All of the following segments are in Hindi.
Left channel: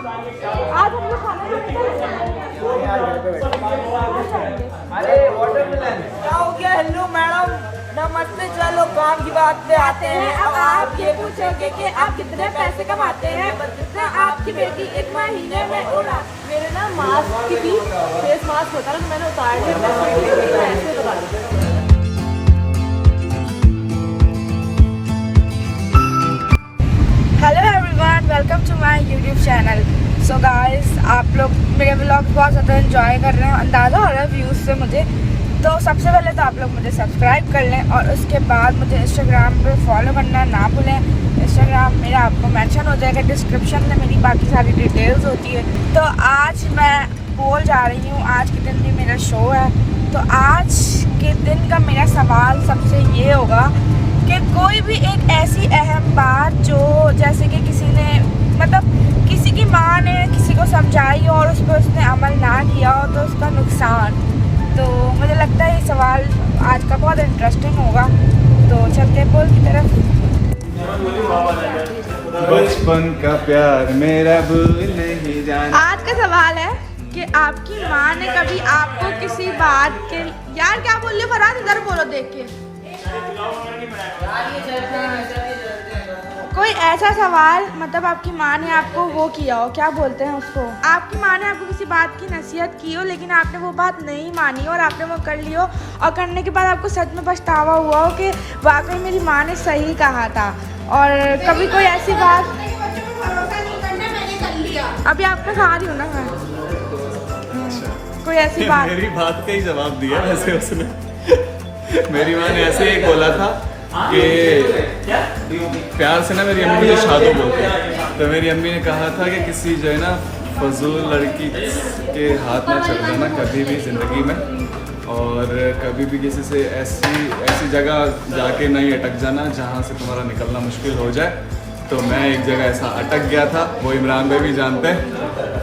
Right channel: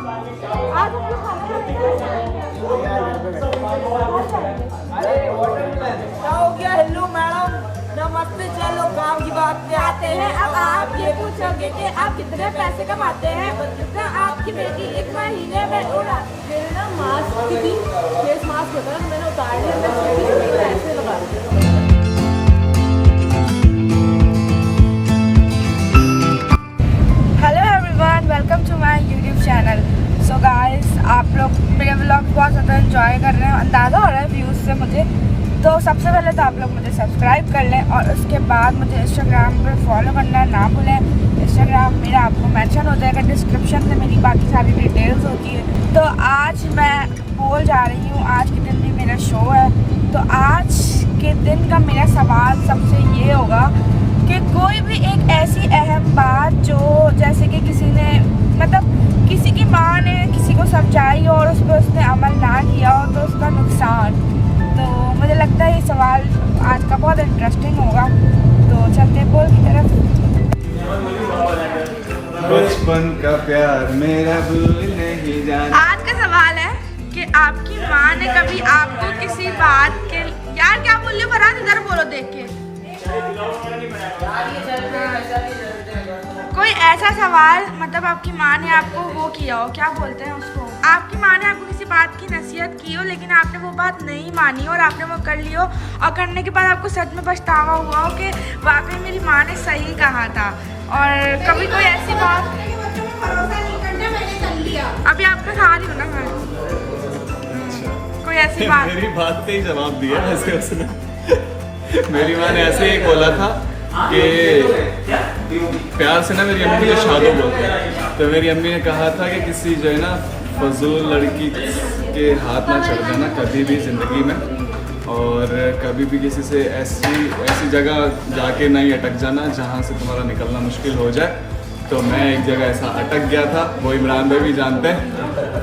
आप आज हम लोग खाना खाने क्या हो गया? हेलो मैडम, नमस्ते। चलो काम की बात पे आते हैं। अब आप ये पूछोगे कि आप कितने पैसे कमाते हैं, जितना आपकी बेटी एक महीने में उड़ा। मेरे ना मास्क की थी, फेस मास्क होता है ना, तो मैंने उतार लिया। मैं सोची ऐसे लगा रही। Hello everyone, welcome to my YouTube channel. So guys, आप लोग मेरे व्लॉग बहुत ज़्यादा एंजॉय कर रहे हैं, अंदाज़ा हो रहा है व्यूज़ से मुझे। तो सबसे पहले तो आप लोग मुझे सब्सक्राइब कर लें और उसके बाद मुझे इंस्टाग्राम पे फॉलो करना ना भूलें। इंस्टाग्राम मेरा आपको मेंशन हो जाएगा डिस्क्रिप्शन में, मेरी बाकी सारी डिटेल्स होती है। तो आज मैं बोल जा रही हूँ, आज के दिन भी मेरा शो है। तो आज के दिन का मेरा सवाल सबसे ये होगा कि कोई भी एक ऐसी अहम बात जो जैसे कि किसी ने मतलब किसी की माँ ने किसी को समझाई और उस पर उसने अमल ना किया हो तो उसका नुकसान। तो मुझे लगता है ये सवाल आज का बहुत इंटरेस्टिंग होगा। तो चलते बोल की तरफ। बचपन का प्यार मेरा भूल नहीं जाना। आज का सवाल है कि आपकी माँ ने कभी आपको किसी बात के यार क्या बोल रही हो फरहान, इधर बोलो देख के। कोई ऐसा सवाल मतलब आपकी माँ ने आपको वो किया हो, क्या बोलते हैं उसको, आपकी माँ ने आपको किसी बात की नसीहत की हो लेकिन आपने वो बात नहीं मानी और आपने वो कर ली हो और करने के बाद आपको सच में पछतावा हुआ हो कि वाकई मेरी माँ ने सही कहा था। और कभी कोई ऐसी बात अभी आपका खा रही हूँ ना मैं, कोई ऐसी बात मेरी बात का ही जवाब दिया वैसे उसने। मेरी माँ ने ऐसे ही बोला था कि प्यार से ना मेरी अम्मी मुझे शादो बोलती है। तो मेरी अम्मी ने कहा था कि किसी जो है ना फजूल लड़की के हाथ ना चढ़ जाना कभी भी ज़िंदगी में, और कभी भी किसी से ऐसी जगह जाके नहीं अटक जाना जहाँ से तुम्हारा निकलना मुश्किल हो जाए। तो मैं एक जगह ऐसा अटक गया था, वो इमरान भाई भी जानते हैं।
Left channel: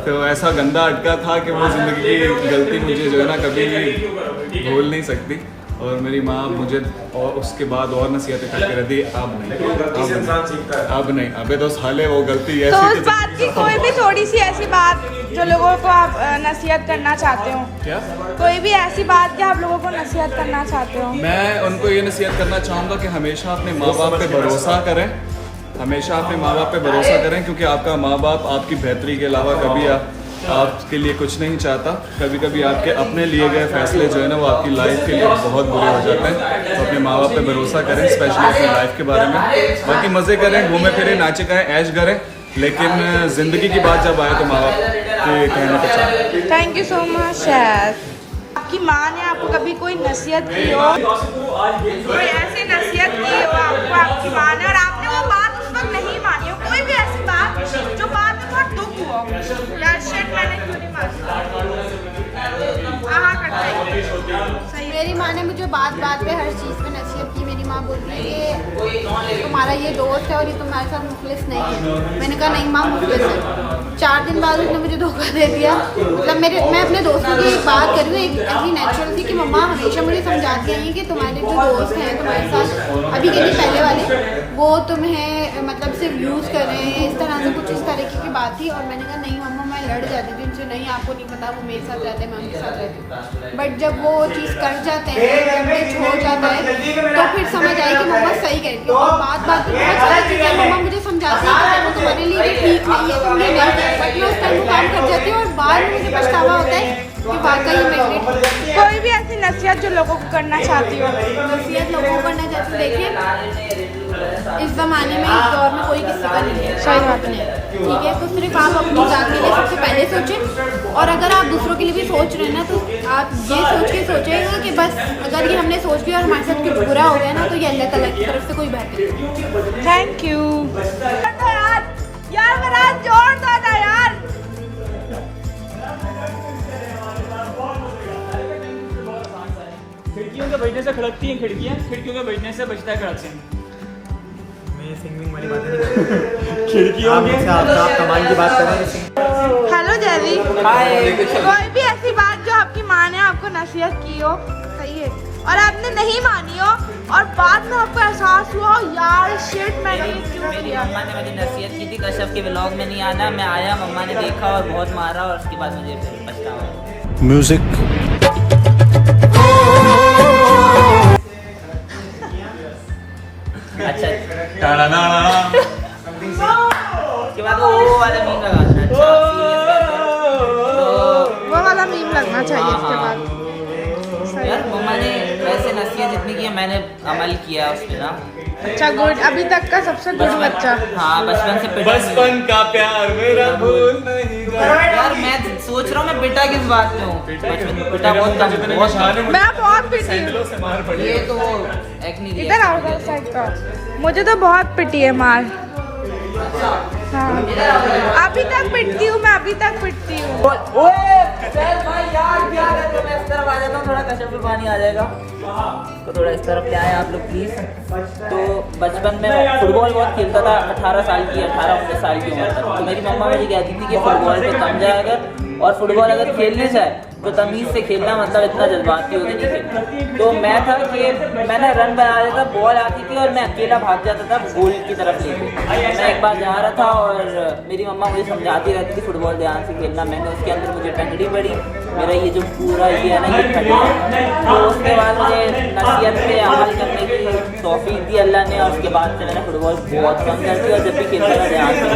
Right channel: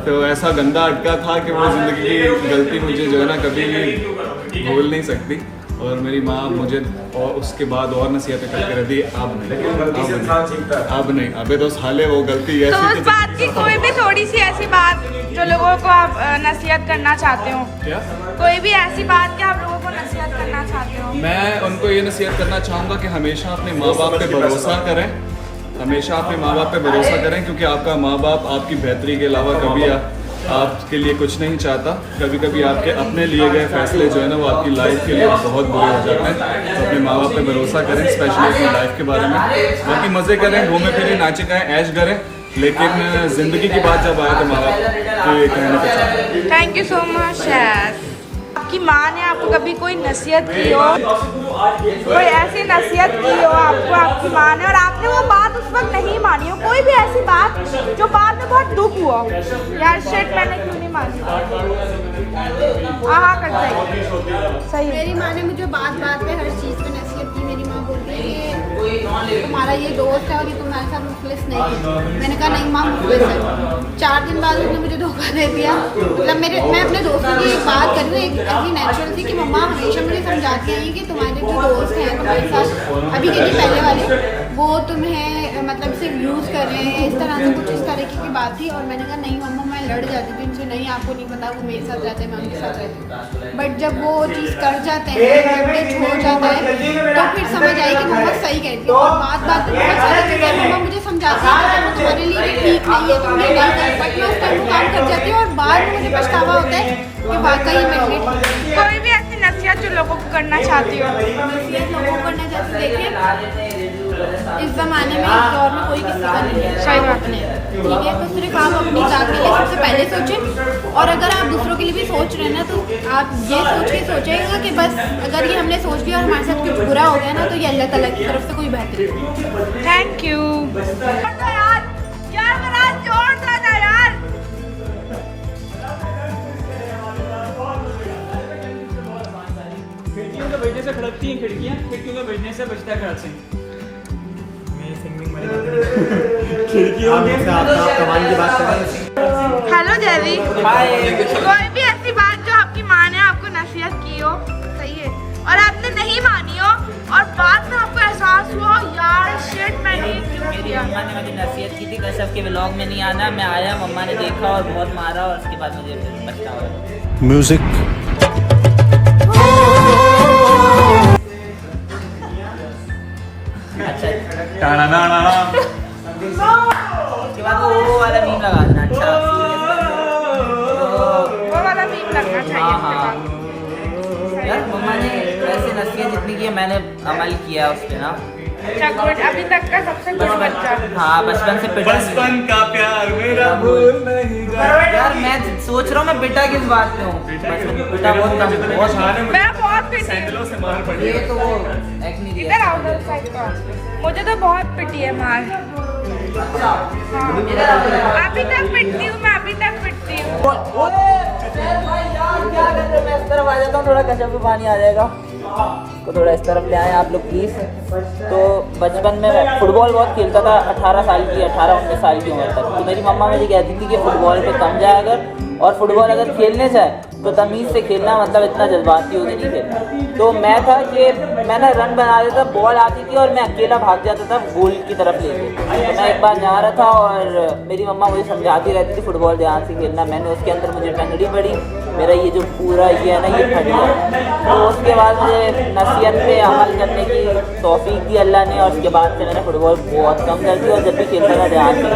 तो ऐसा गंदा अटका था कि वो ज़िंदगी की गलती मुझे जो है ना कभी भी भूल नहीं सकती। और मेरी माँ मुझे और उसके बाद और नसीहतें करके रहती, अब नहीं, अबे तो साले वो गलती ऐसी तो उस बात की कोई भी थोड़ी सी ऐसी बात जो लोगों को आप नसीहत करना चाहते हो, क्या कोई भी ऐसी बात कि आप लोगों को नसीहत करना चाहते हो। मैं उनको ये नसीहत करना चाहूँगा कि हमेशा अपने माँ बाप पे भरोसा करें, हमेशा अपने माँ बाप पे भरोसा करें, क्योंकि आपका माँ बाप आपकी बेहतरी के अलावा कभी आपके लिए कुछ नहीं चाहता। कभी कभी आपके अपने लिए गए फैसले जो है ना वो आपकी लाइफ के लिए बहुत बुरे हो जाते हैं। तो अपने माँ बाप पे भरोसा करें, स्पेशली अपनी लाइफ के बारे में। बाकी मज़े करें, घूमे फिरें, नाचे गाएं, ऐश करें, लेकिन ज़िंदगी की बात जब आए तो माँ बाप के कहने पर चलें। Thank you so much. आपकी माँ ने आपको कभी कोई नसीहत की हो, कोई ऐसी नसीहत की हो आपको आपकी माँ ने और आपने वो बात उस वक्त नहीं मानी हो, कोई भी ऐसी बात जो बाद में बहुत दुख हुआ हो, यार शिट मैंने क्यों नहीं मानी। हाँ करता है सही। मेरी माँ ने मुझे बात बात पे हर चीज़ पे नसीहत की। मेरी माँ बोलती है कि तुम्हारा ये दोस्त है और ये तुम्हारे साथ मुखलिस नहीं है। मैंने कहा नहीं माँ, मुखलिस है। 4 दिन बाद उसने मुझे धोखा दे दिया। मतलब मैं अपने दोस्तों की एक बात कर रही हूँ, एक ऐसी नेचुरल थी कि मम्मा हमेशा मुझे समझाती आई कि तुम्हारे जो दोस्त हैं तुम्हारे साथ अभी के लिए पहले वाले, वो तुम्हें मतलब सिर्फ यूज़ कर रहे हैं, इस तरह से कुछ इस तरीके की बात थी। और मैंने कहा नहीं मम्मा, मैं लड़ जाती थी उनसे, नहीं आपको नहीं पता वो मेरे साथ रहते हैं, मैं उनके साथ रहती हूँ। बट जब वो चीज़ कर जाते हैं, जब कुछ हो जाता है तो फिर समझ आई कि मम्मा सही कहती है। और बात बात में बहुत सारी चीज़ें मम्मा मुझे समझाती है कि वो तुम्हारे लिए ठीक नहीं है, तुम ये नहीं कर, बट मैं उस टाइम वो काम कर जाती हूँ और बाद में मुझे पछतावा होता है कि वाकई मैं ठीक। कोई भी ऐसी नसीहत जो लोगों को करना चाहती हो। नसीहत लोगों को करना चाहती हूँ, देखिए इस ज़माने में इस दौर में कोई किसी का नहीं है, सही बात नहीं, ठीक है। तो सिर्फ आप अपनी जात के लिए सबसे पहले सोचें, और अगर आप दूसरों के लिए भी सोच रहे हैं ना तो आप ये सोच के सोचेगा कि बस अगर ये हमने सोच लिया और हमारे साथ कुछ बुरा हो गया ना तो ये अल्लाह ताला की तरफ से कोई बेहतरी नहीं। थैंक यू यार, जोर दादा यार। खिड़कियों के बजने से खड़कती हैं खिड़कियाँ, खिड़कियों के बजने से बजता है खड़क सिंह। खिड़कियों में आप कमाल की बात कर रहे हैं। हेलो जैवी। हाय। कोई भी ऐसी बात जो आपकी माँ ने आपको नसीहत की हो, सही है, और आपने नहीं मानी हो और बाद में आपको एहसास हुआ हो, यार शिट मैंने क्यों मेरी किया। मम्मा ने मुझे नसीहत की थी कश्यप के व्लॉग में नहीं आना। मैं आया, मम्मा ने देखा और बहुत मारा और उसके बाद मुझे फिर पछतावा। म्यूजिक अच्छा टाणाणाणा। उसके बाद वो वाला नहीं लगा देना। अच्छा तो वो वाला मीम लगना चाहिए हाँ इसके हाँ बाद। यार मम्मा ने वैसे नसीहत जितनी की है मैंने अमल किया उस पर ना। अच्छा गुड, अभी तक का सबसे गुड बच्चा। हाँ बचपन से पिटा नहीं बचपन का प्यार मेरा भूल नहीं जाता। यार मैं सोच रहा हूँ मैं पिटा किस बात पे हूँ। बचपन पिटा बहुत कम बहुत कम। मैं बहुत पिटी, सैंडलों से मार पड़ी। ये तो वो एक नहीं इधर दिया आओ। समझ गया। मुझे तो बहुत पिटी है मार। इधर आओ, इधर आओ। अभी तक पिटती हूँ मैं, अभी तक पिटती हूँ। ओए सैर भाई यार क्या कर रहे हो? मैं इस तरफ आ जाता हूँ, थोड़ा कश्यप में पानी आ जाएगा तो थोड़ा इस तरफ ले आए आप लोग प्लीज़। तो बचपन में फुटबॉल बहुत खेलता था, 18 साल की 18-19 साल की उम्र तक। तो मेरी मम्मा मुझे कहती थी कि फुटबॉल पे कम जाया कर और फुटबॉल अगर खेलने जाए तो तमीज़ से खेलना, मतलब इतना जज्बाती होकर नहीं खेलना। तो मैं था कि मैंने रन बना देता, बॉल आती थी और मैं अकेला भाग जाता था गोल की तरफ लेके। तो मैं एक बार जा रहा था और मेरी मम्मा मुझे समझाती रहती थी फुटबॉल ध्यान से खेलना। मैंने उसके अंदर मुझे टंगड़ी पड़ी, मेरा ये जो पूरा ये है ना ये फट गया। तो उसके बाद मुझे नसीहत पे अमल करने की तौफीक दी अल्लाह ने और उसके बाद से मैंने फुटबॉल बहुत कम कर दी और जब भी खेलता था ध्यान से।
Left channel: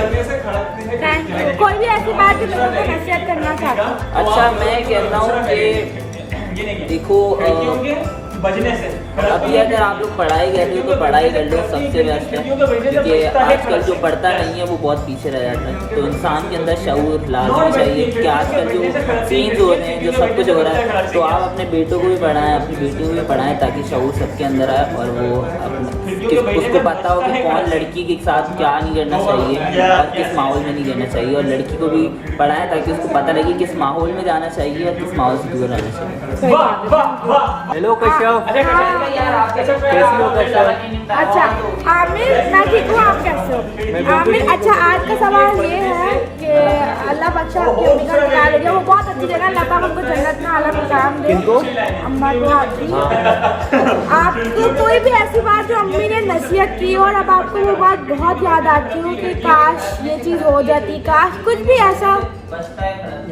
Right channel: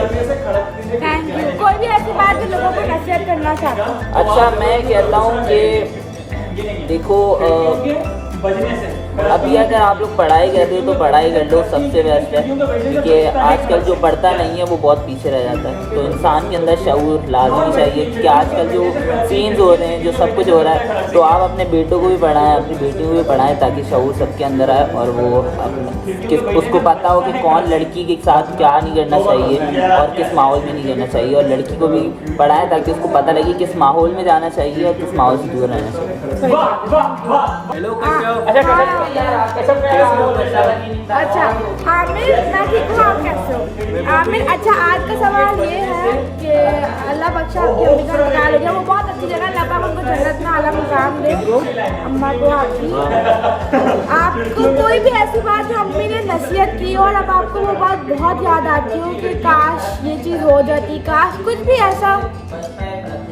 Thank you. कोई भी ऐसी बात जो लोगों को नसीहत करना चाहते हो। अच्छा मैं कहता हूँ कि देखो अभी अगर आप लोग पढ़ाई कर रहे हो तो पढ़ाई कर लो, सबसे बेस्ट है। क्योंकि आजकल जो पढ़ता नहीं है वो बहुत पीछे रह जाता है। तो इंसान के अंदर शऊर लाजमी चाहिए क्योंकि आजकल जो चेंज हो रहे हैं, जो सब कुछ हो रहा है, तो आप अपने बेटों को भी पढ़ाएं, अपनी बेटियों को भी पढ़ाएं ताकि शऊर सबके अंदर आए और वो उसको पता हो कि कौन लड़की के साथ क्या नहीं करना चाहिए और किस माहौल में नहीं करना चाहिए। और लड़की को भी पढ़ाएं ताकि उसको पता लगे किस माहौल में जाना चाहिए और किस माहौल से दूर रहना चाहिए। सही बात है। हेलो कश्यप, कैसी हो कश्यप? अच्छा आमिर, मैं ठीक हूँ, आप कैसे हो? आमिर अच्छा आज का सवाल ये है कि अल्लाह बख्शा आपकी अम्मी का इंतकाल हो गया, वो बहुत अच्छी जगह, अल्लाह पाक उनको जन्नत में आला मुकाम दे। अम्मा को आपकी आपको कोई भी ऐसी बात जो अम्मी ने नसीहत की और अब आपको वो बात बहुत याद आती हो कि काश ये चीज़ हो जाती, काश कुछ भी ऐसा।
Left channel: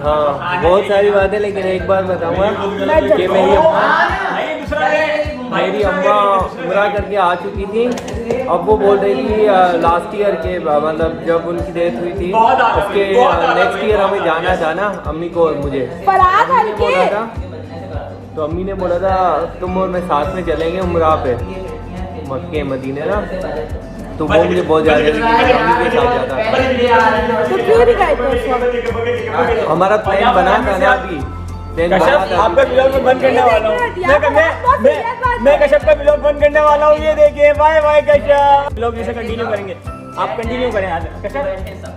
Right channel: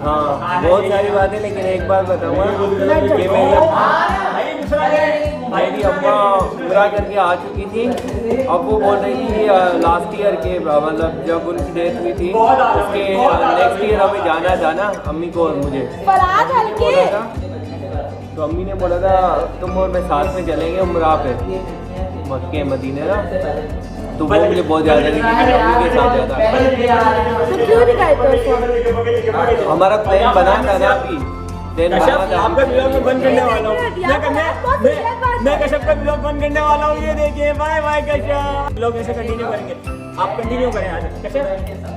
हाँ बहुत सारी बातें, लेकिन एक बात बताऊंगा कि मेरी अम्मा उम्रा करके आ चुकी थी। अब वो बोल रही थी लास्ट ईयर के मतलब जब उनकी डेथ हुई थी उसके नेक्स्ट ईयर हमें जाना था अम्मी को और मुझे। फराज अम्मी ने बोला था, तो अम्मी ने बोला था तुम और मैं साथ में चलेंगे उम्रा पे मक्के मदीने ना। तो वो मुझे बहुत ज़्यादा लगी, मैं अम्मी के साथ जाता था। तो क्यों नहीं गए थे उस वक्त? हमारा प्लान बना था ना, अभी प्लान बना था। आपका ब्लॉग तो बंद करने वाला हूँ मैं कश्यप का ब्लॉग बंद करने वाला हूँ। ये देखिए बाय बाय कश्यप। ब्लॉग जैसे कंटिन्यू करेंगे, आप कंटिन्यू करें आज कश्यप।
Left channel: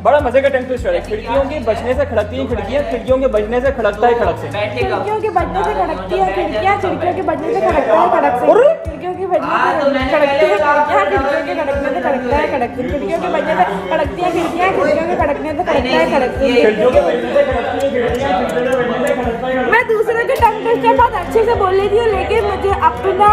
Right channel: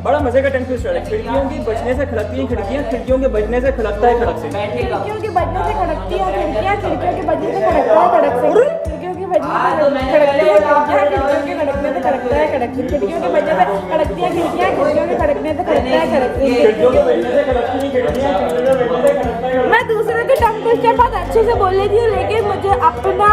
बड़ा मजे का टंग ट्विस्ट है। खिड़कियों के बचने से खड़कती हैं खिड़कियाँ, खिड़कियों के बजने से खड़कता है खड़क से। खिड़कियों के बजने से खड़कती है खिड़कियाँ, खिड़कियों के बजने से खड़कता है खड़क से। खिड़कियों के बजने से खड़कती है खिड़कियाँ, खिड़कियों के खड़कने से खड़कता है खड़क से। खिड़कियों के बजने से खड़कती है खिड़कियाँ, खिड़कियों के खड़कने से खड़कता है खड़क से। खिड़कियों के बजने से खड़कती हैं खिड़कियाँ, खिड़कियों के बजने से खड़कता है। मैं दूसरे के टंग ट्विस्टर बहुत अच्छे से बोल लेती हूँ लेकिन मुझे अपना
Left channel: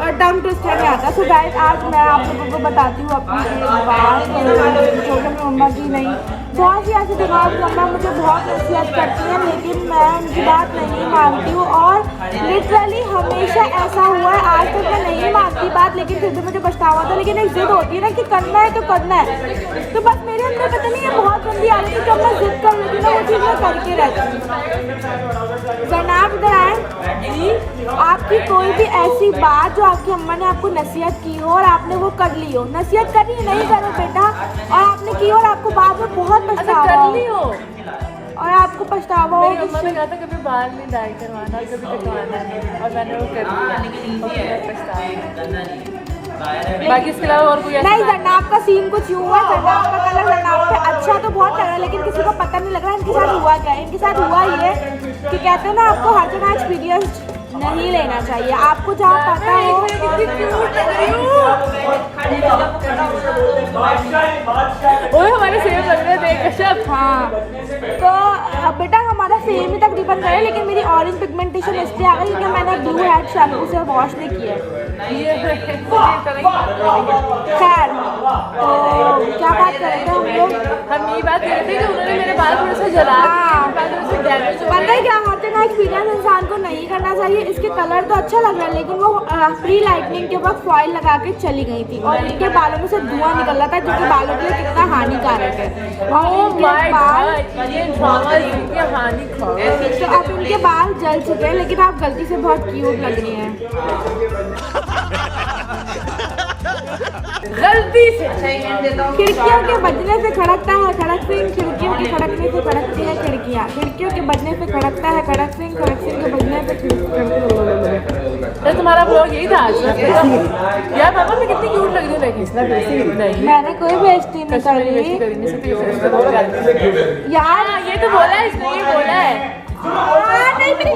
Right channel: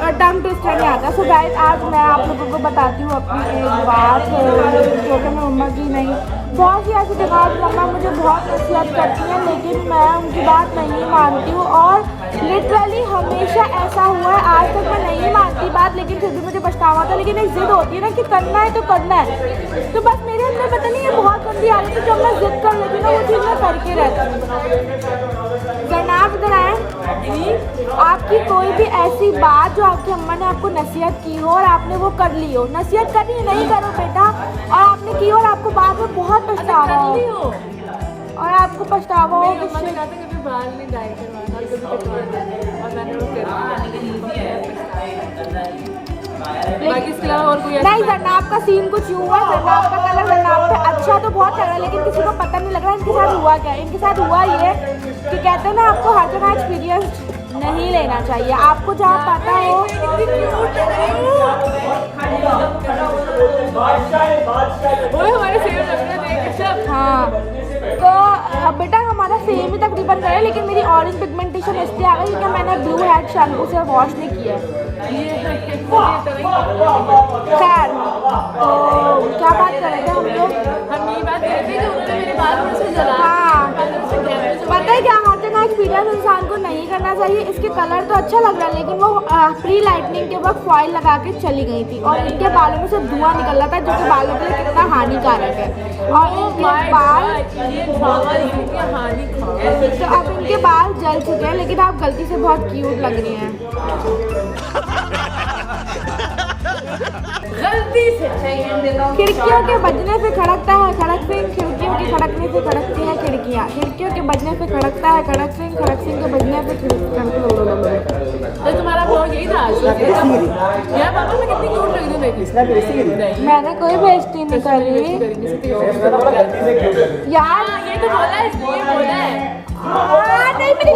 टंग ट्विस्टर नहीं आता। सो गाइस आज मैं आप लोगों को बताती हूँ अपनी एक बात जो कि मेरी मम्मा की नहीं। बहुत सी ऐसी जगह मम्मा मुझे बहुत नसीहत करती हैं लेकिन मैं उनकी बात नहीं मानती हूँ और लिटरली हमेशा ऐसा हुआ है। आज तक मैं नहीं मानती बात लेकिन फिर भी मुझे पछतावा था। लेकिन एक जिद होती है ना कि करना है तो करना है, तो बस मेरे अंदर पता नहीं ये बहुत गंदी आदत है। जब मैं जिद कर लेती ना वो चीज़ मैं करके रहती हूँ। जनाब इधर आए जी, आपकी कोई भी ऐसी बात जो आपकी अम्मा ने आपको नसीहत की हो और आपने वो कर ली हो। नसीहत कभी नहीं करो बेटा, और आपने की और आपको बाद में बहुत पछतावा हो और आपको पछतावा हो। अम्मा ने कहा था कभी बाल नहीं डाई करवाना और कभी कटवाना नहीं और मैंने वो कर लिया और मैं पछतावा। बाकी इसके अलावा और कोई नहीं, जन्नाब का सीन कुछ यूँ है, जन्नाब का कलर जन्नाब पे अच्छा तो बहुत लग रहा है लेकिन किसी को पता नहीं लग रहा इनके साथ हुआ क्या। इनके साथ हुआ ये कि कहते हैं ना आपको हर जगह एक्सपीरियंस नहीं लेना चाहिए, आपको जहाँ पता हो। वो हमारे सेव लग रहे थे कश्यप। हाँ तो बेटा हमारा सेम ही तकरीबन रहे, लेकिन मेरी ऑरेंज पिगमेंटेशन इसलिए आ गई क्योंकि मैंने ब्लू हेड शैम्पू से वॉश नहीं किया है। खैर, तो क्या बात कर रहे थे हम लोग? हम यही बात कर रहे थे कि उन्होंने मेरे बाल थोड़े से जला हाँ। डैमेज पता है क्या होता है ना, एक्सपीरियंस इंसान को नहीं करना चाहिए। इसके कलर तो अच्छा लग रहा है, लेकिन वो प्री लाइटनिंग के वक्त फॉइल लगा के चली गई थी और इनके बालों में से धुआं निकल रहा था, जिसके बालों के लिए कितना हानिकारक है। और इनके बाल, ये ड्रामा हानिकारक। तो अब इनके बाल जल चुके हैं, लेकिन आप गलती से बहुत क्यूट लग रही हैं। गलती से खिड़कियों के बजने से खड़कता है खड़क सिंह, खिड़कियों के खड़कने से खड़कती है खिड़कियाँ। खिड़कियों के बजने से खड़कता है खड़क सिंह, खड़क सिंह के बजने से तो तुम्हारा ब्लॉग यही था आज? यार पापा मैं कितनी क्यूट लग रही हूँ लेकिन नहीं, मैंने कोई बेइज्जती नहीं करी यार। ये तो बोला है इसने, ये बोला है। नहीं, मेरी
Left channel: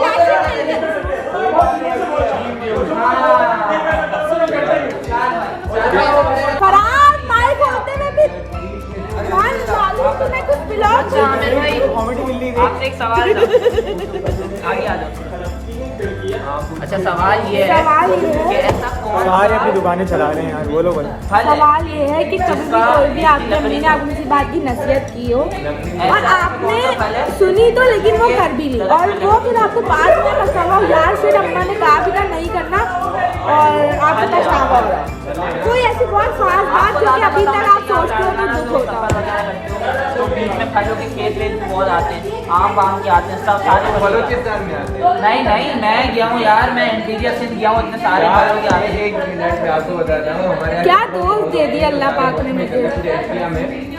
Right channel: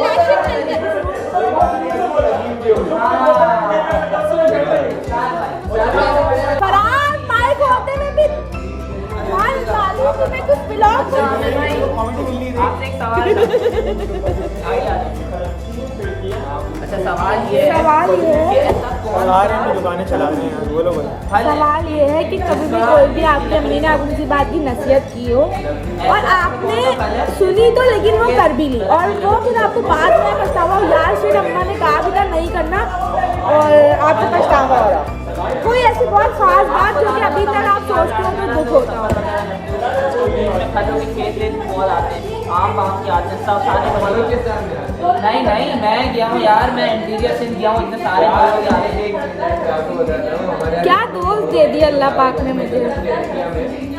फरहान माइक होते हुए भी जान वाली कि मैं कुछ ब्लॉग कॉमेडी मिल रही सवाल ये है, सारे अपनी दुकानें चला रहे हैं यार, बोलो बोलो। सवाल ये है कि कभी भी कोई भी आपकी अम्मी ने आपको किसी बात की नसीहत की हो और आपने सुनी तो लेकिन वो कर भी ली, और वो फिर आपको बाद में पछतावा हो, यार फिर अम्मा ने कहा भी था नहीं करना और आपको पछतावा हो रहा है। कोई ऐसी बहुत खास बात जो कि अभी तक आप सोचते हो तो दुख होता हो। नहीं मैं गया हूँ यार, मैं इंटीरियर से गया हूँ, इतने सारे क्या दोस्त दे दिया अल्लाह पाक ने मुझे।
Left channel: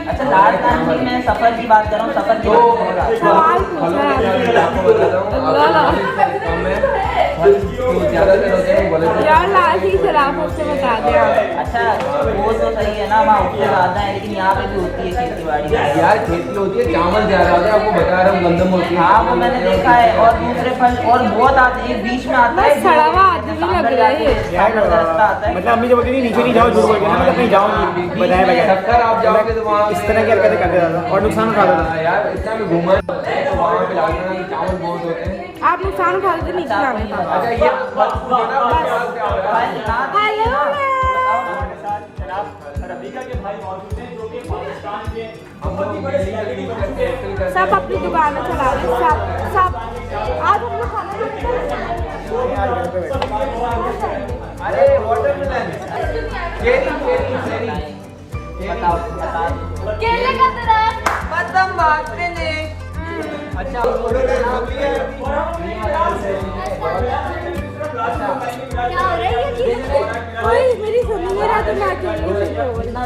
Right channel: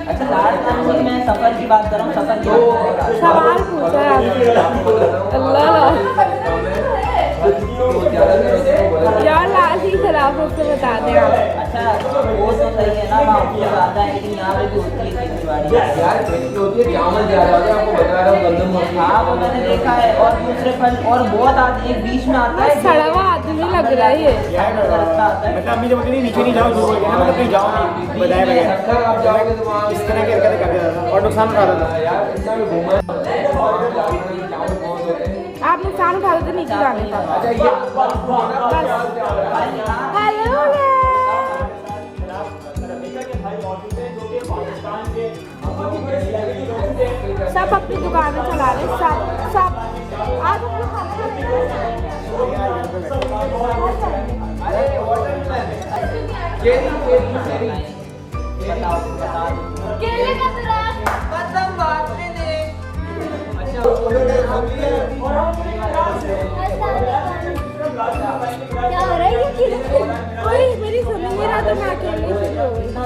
अच्छा लास्ट टाइम मैं सफर की बात कर रहा हूँ, सफर की सवाल पूछा अल्लाह यार, लास्ट ही खिलाफत से बता दें आप। अच्छा वो तो सही है ना, वहाँ उससे ज़्यादा है, लेकिन यहाँ पे भी होती है खेती बाड़ी यार, खेती होती है, चावल जा रहा है, आपको बता रहा हूँ, गंदम होती है। हाँ वो मैंने देखा है, और दूसरे फल और बहुत आते हैं, बीच में आते हैं, सड़वा आदमी लग रहा है ये यार। मतलब अम्मी जब बोलती थी नीचे नहीं जाओ, झूठ बोल के ना, मतलब कहीं जाओ नहीं बताए बगैर, तो मैं इस तरह की हरकतें कर देता था और नुकसान उठाता था। आप नुकसान उठा के नीचे जाने का सब अपनी दुकानें चला रहे, सब आज हम लोग खाना क्या हो रहा है ये? कोई मेरी सुन नहीं रहा तो मैं अकेले से बोलना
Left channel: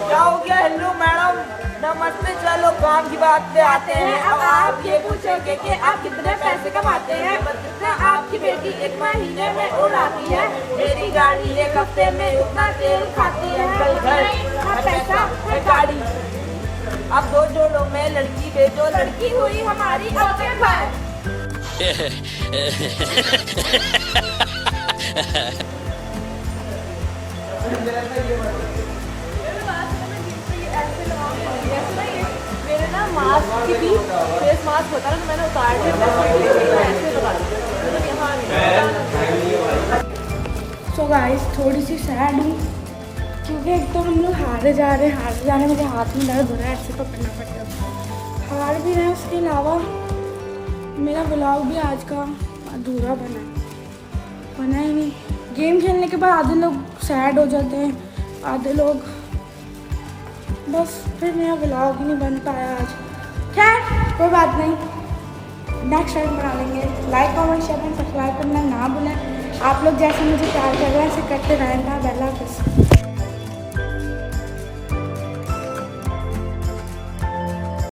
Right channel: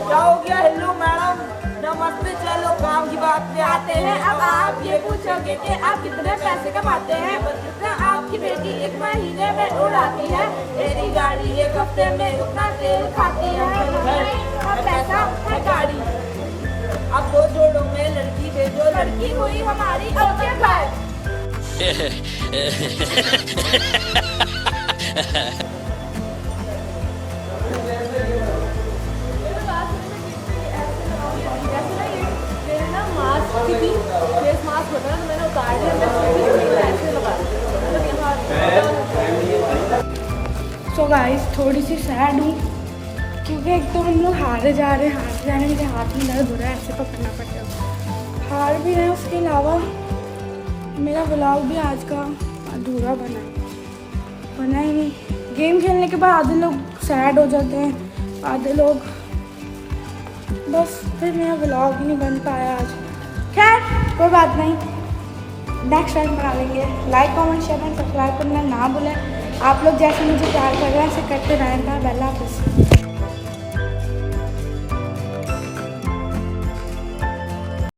क्या हो गया? हेलो मैडम, नमस्ते, चलो काम की बात पे आते हैं। अब आप ये पूछोगे कि आप कितने पैसे कमाते हैं, जितना आपकी बेटी एक महीने में उड़ाती है, मेरी गाड़ी एक हफ्ते में उतना तेल खाती है। घर पैसा है गाड़ी, अब दो जोड़ों में लड़की भेजो, लड़की हुई हमारी अपने घर। मेरे ना मास्क की थी, फेस मास्क होता है ना, तो मैंने उतार दिया, मैं सोची कि मैं ऐसे लगा दी, मतलब यहाँ। सो गाइस, थोड़ी सी सैड हूँ क्योंकि एक तो हम लोग हारे जा रहे हैं, हार जाने मेरे हाथ में दर्द हो रहा है, ऐसे पकड़ना पड़ेगा। हार भी रहे हैं, उसके अलावा मेरा व्लॉग भी आज का अधूरा बना ही नहीं। गेम खेलने के बाद आधे लोग सैड हो जाते हैं, आधे लोग बस, फिर मेरा व्लॉग ही नहीं बन पाया आज। खैर कोई बात नहीं, नेक्स्ट टाइम बना लेंगे। Like comment share and subscribe करना ना भूलें। आप लोग जैसे मुझे प्यार कर रहे हैं ऐसे करते रहें। बेल हाफिज़।